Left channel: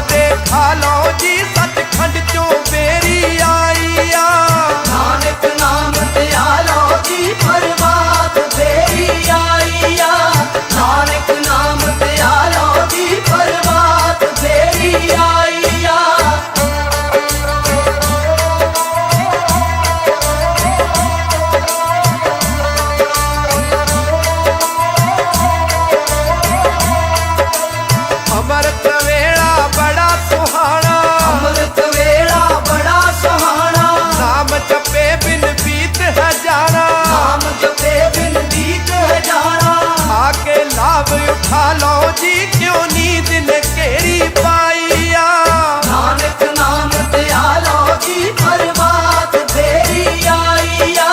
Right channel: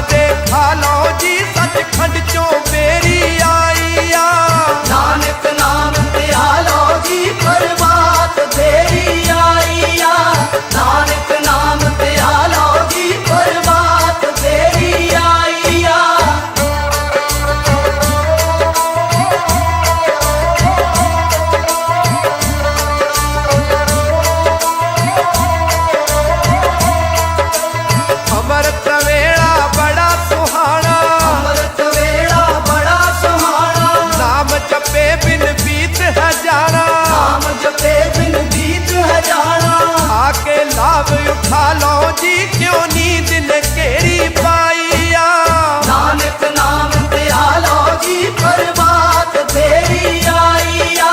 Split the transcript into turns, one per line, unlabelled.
ਦੇਖਾ ਲਓ ਜੀ ਸੱਚਖੰਡ ਚੋਂ ਬੇਰੀ ਆ। ਬਿਨ ਬੀਤ ਹਜ਼ਾਰਾਂ।
ਨਾਮ ਜਪੇ ਬਿਨ ਬੀਤ ਹਜ਼ਾਰਾਂ।
ਆ ਕੇ ਲਾਭ ਉਠਾ ਲਓ ਜੀ ਕਿਉਂ ਨੀਂਦ ਨੇ ਘੇਰੀ ਪਾਈਆ?
ਨਾਨਕ ਨਾਮ ਪਿਆ ਲਓ ਜੀ ਪਰਮਾਤ ਤੇਰੀ ਆਈਆ।